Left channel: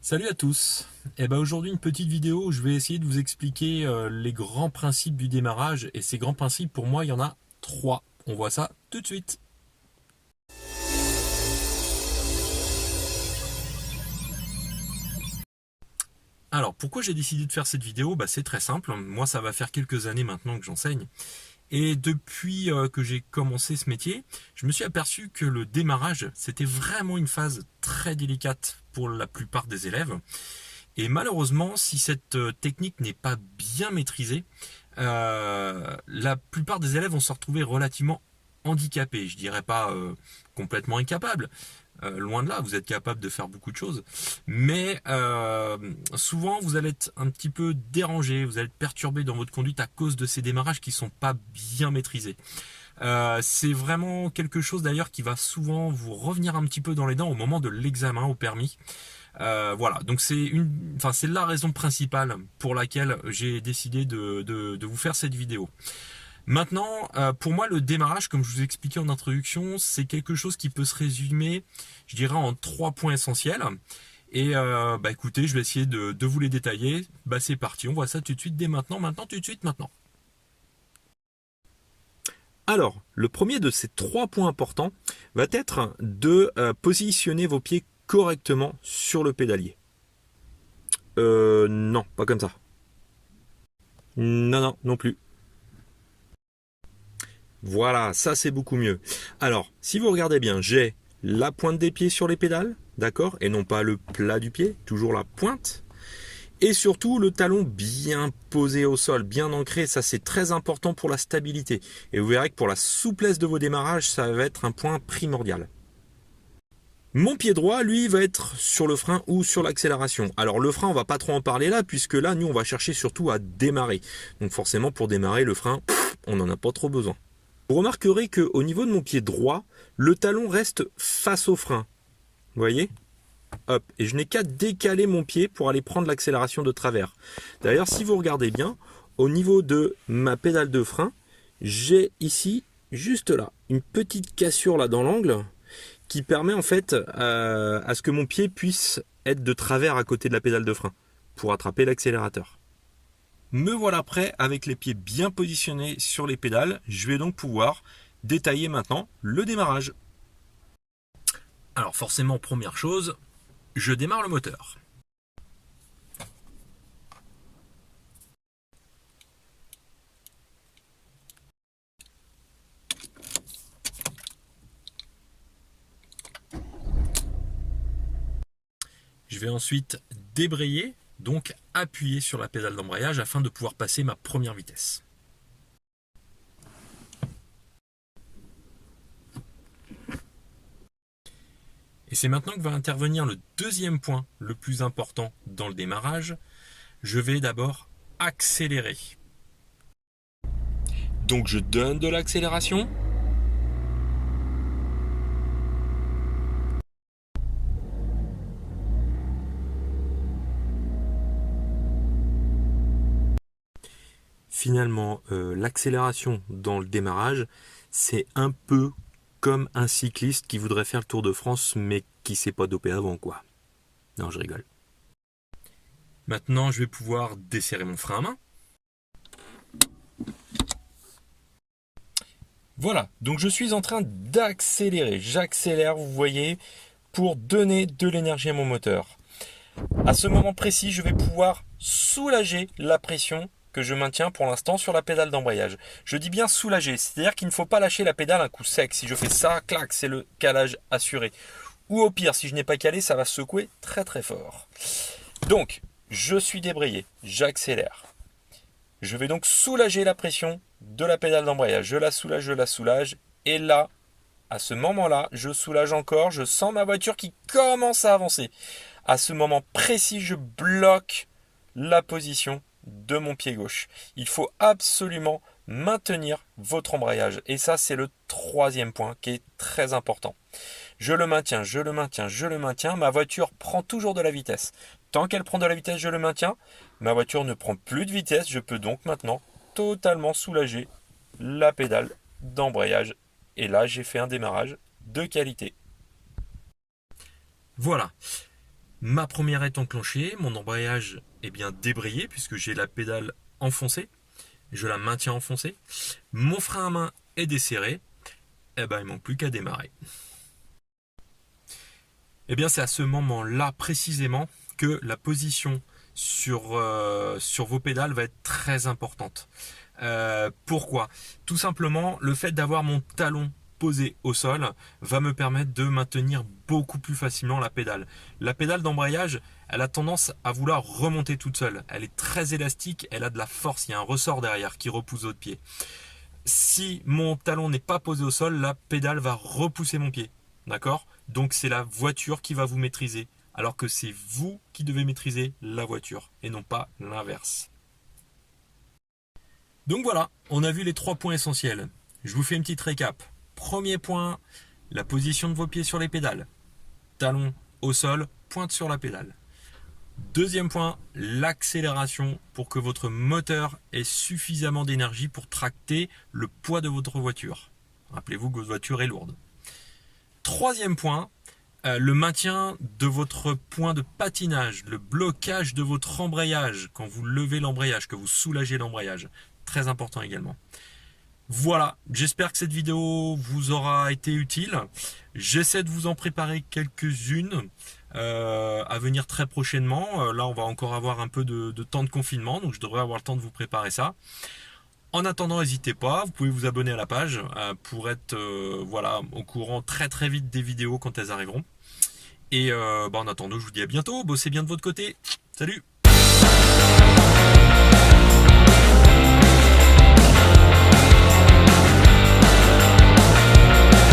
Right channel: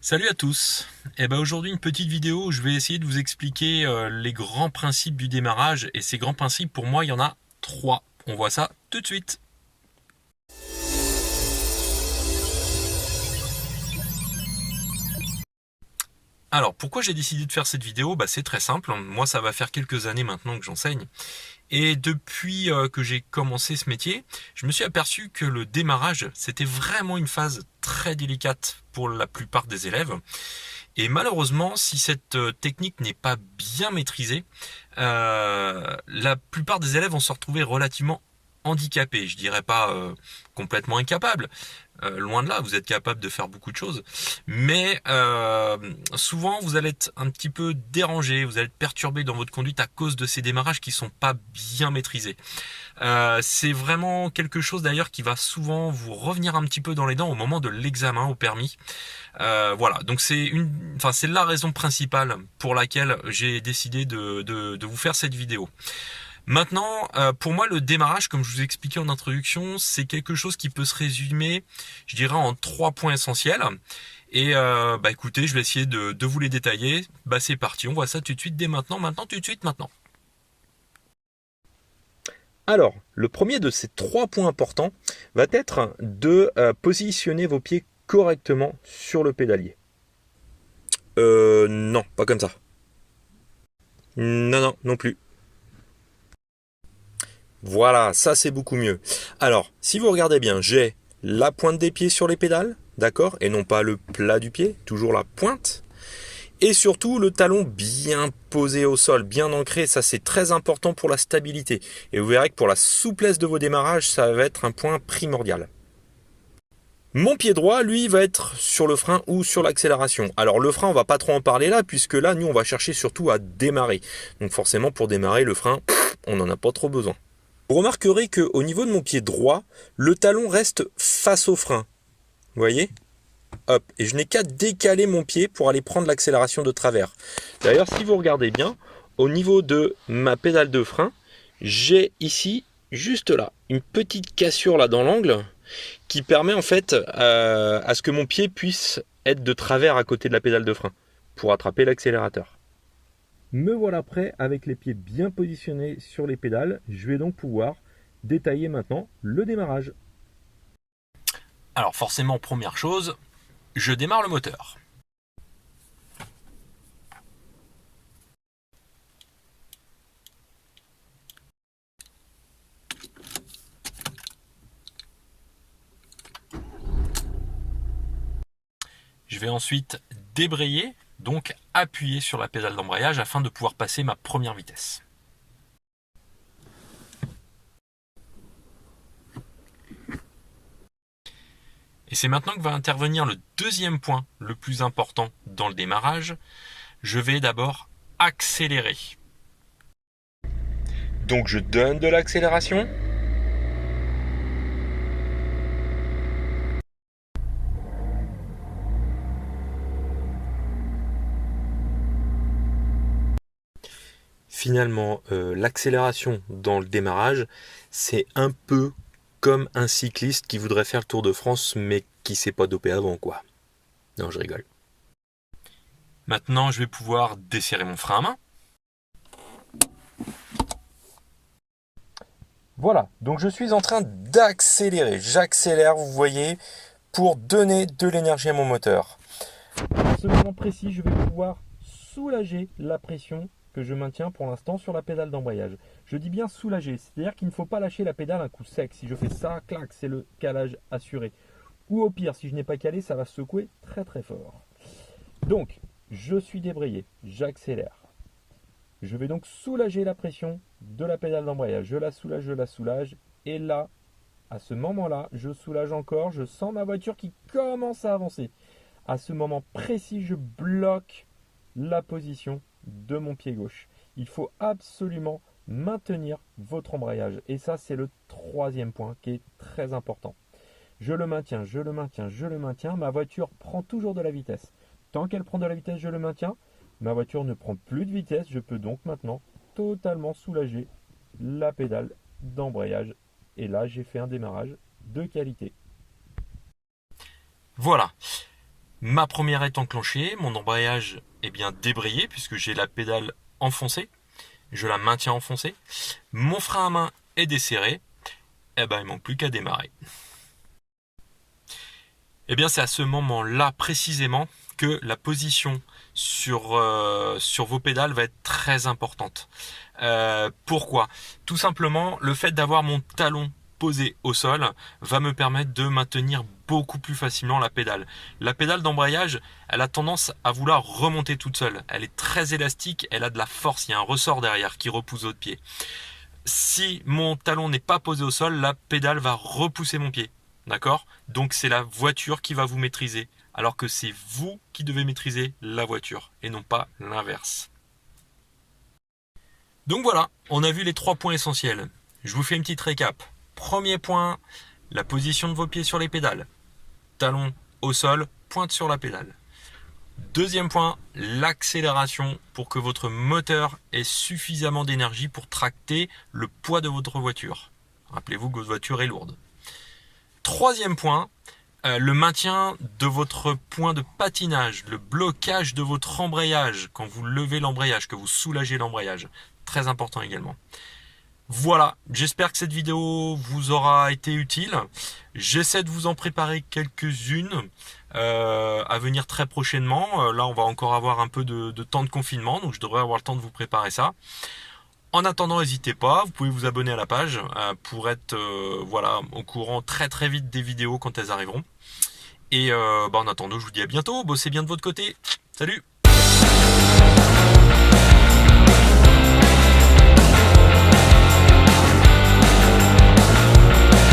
Salut à tous. Aujourd'hui une petite vidéo où je vais essayer de vous expliquer les grands principes du démarrage et ces grands principes pour moi il y en a trois. On voit ça tout de suite. Alors pourquoi j'ai décidé de faire cette vidéo? C'est très simple. Moi ça va faire quelques années maintenant que j'enseigne. Et depuis que j'ai commencé ce métier, je me suis aperçu que le démarrage c'était vraiment une phase très délicate pour la plupart des élèves. Et malheureusement, si cette technique n'est pas bien maîtrisée, la plupart des élèves vont se retrouver relativement handicapés. Je dirais pas complètement incapables. Loin de là, vous êtes capable de faire beaucoup de choses. Mais souvent, vous allez être un petit peu dérangé, vous allez être perturbé dans votre conduite à cause de ces démarrages qui sont pas bien maîtrisés. C'est vraiment quelque chose d'ailleurs qui va souvent vous revenir un petit peu dans les dents au moment de l'examen au permis. Voilà, donc c'est la raison principale pour laquelle j'ai décidé de vous faire cette vidéo. Maintenant, pour moi, le démarrage, comme je vous ai expliqué en introduction, c'est quelque chose qui peut se résumer, je dirais, en trois points essentiels. Et écoutez, je vais essayer de vous les détailler. C'est parti, on voit ça tout de suite, dès maintenant, maintenant, tout de suite, maintenant. Alors, le premier de ces trois points importants va être de positionner vos pieds correctement sur le pédalier. Non, pas comme ça. Non, non, non plus. Voilà, ça c'est beaucoup mieux. Alors, si vous regardez bien, j'ai la pointe des pieds sur les pédales, d'accord, et non pas le plat du pied, toujours la pointe. Et surtout le talon bien posé au sol, bien ancré, ça c'est très important pour la stabilité. Et vous verrez que pour la souplesse de vos démarrages, ça va être un point primordial. Mon pied droit, lui, va être sur le frein ou sur l'accélération. Alors le frein, on va pas trop en parler là, puisque là, nous, on va chercher surtout à démarrer. Donc forcément, pour démarrer, le frein, on n'en a pas trop besoin. Vous remarquerez qu'au niveau de mon pied droit, le talon reste face au frein. Vous voyez? Hop, et je n'ai qu'à décaler mon pied pour aller prendre l'accélération de travers. D'ailleurs, si vous regardez bien, au niveau de ma pédale de frein, j'ai ici, juste là, une petite cassure là dans l'angle qui permet en fait à ce que mon pied puisse être de travers à côté de la pédale de frein pour attraper l'accélérateur. Me voilà prêt avec les pieds bien positionnés sur les pédales. Je vais donc pouvoir détailler maintenant le démarrage. Alors forcément, première chose, je démarre le moteur. Je vais ensuite débrayer, donc appuyer sur la pédale d'embrayage afin de pouvoir passer ma première vitesse. Et c'est maintenant que va intervenir le deuxième point le plus important dans le démarrage. Je vais d'abord accélérer. Donc je donne de l'accélération. Finalement, l'accélération dans le démarrage, c'est un peu comme un cycliste qui voudrait faire le Tour de France mais qui s'est pas dopé avant, quoi. Non, je rigole. Maintenant, je vais pouvoir desserrer mon frein à main. Voilà, donc je suis en train d'accélérer. J'accélère, vous voyez, pour donner de l'énergie à mon moteur. À ce moment précis, je vais pouvoir soulager la pression que je maintiens pour l'instant sur la pédale d'embrayage. Je dis bien soulager, c'est-à-dire qu'il ne faut pas lâcher la pédale un coup sec. Si je fais ça, clac, c'est le calage assuré. Ou au pire, si je n'ai pas calé, ça va secouer très très fort. Donc, je suis débrayé, j'accélère. Je vais donc soulager la pression de la pédale d'embrayage. Je la soulage. Et là, à ce moment-là, je soulage encore. Je sens ma voiture qui commence à avancer. À ce moment précis, je bloque la position de mon pied gauche. Il faut absolument maintenir votre embrayage. Et ça, c'est le troisième point qui est très important. Je le maintiens, je le maintiens, je le maintiens. Ma voiture prend toujours de la vitesse. Tant qu'elle prend de la vitesse, je le maintiens. Ma voiture ne prend plus de vitesse. Je peux donc maintenant totalement soulager la pédale d'embrayage. Et là, j'ai fait un démarrage de qualité. Voilà. Ma première est enclenchée, mon embrayage est bien débrayé puisque j'ai la pédale enfoncée, je la maintiens enfoncée. Mon frein à main est desserré, et ben il manque plus qu'à démarrer. Et bien c'est à ce moment-là précisément que la position sur vos pédales va être très importante. Pourquoi? Tout simplement, le fait d'avoir mon talon posé au sol va me permettre de maintenir beaucoup plus facilement la pédale. La pédale d'embrayage, elle a tendance à vouloir remonter toute seule. Elle est très élastique, elle a de la force, il y a un ressort derrière qui repousse votre pied. Si mon talon n'est pas posé au sol, la pédale va repousser mon pied. D'accord? Donc c'est la voiture qui va vous maîtriser, alors que c'est vous qui devez maîtriser la voiture, et non pas l'inverse. Donc voilà, on a vu les 3 points essentiels. Je vous fais une petite récap. Premier point, la position de vos pieds sur les pédales. Talon au sol, pointe sur la pédale. Deuxième point, l'accélération pour que votre moteur ait suffisamment d'énergie pour tracter le poids de votre voiture. Rappelez-vous que votre voiture est lourde. Troisième point, le maintien de votre point de patinage, le blocage de votre embrayage, quand vous levez l'embrayage, que vous soulagez l'embrayage. Très important également. Voilà, j'espère que cette vidéo vous aura été utile. J'essaie de vous en préparer quelques-unes à venir très prochainement. Là, on va encore avoir un peu de temps de confinement, donc je devrais avoir le temps de vous préparer ça. En attendant, n'hésitez pas, vous pouvez vous abonner à la page pour être voilà, au courant très très vite des vidéos quand elles arriveront. Et en attendant, je vous dis à bientôt, bossez bien de votre côté. Salut!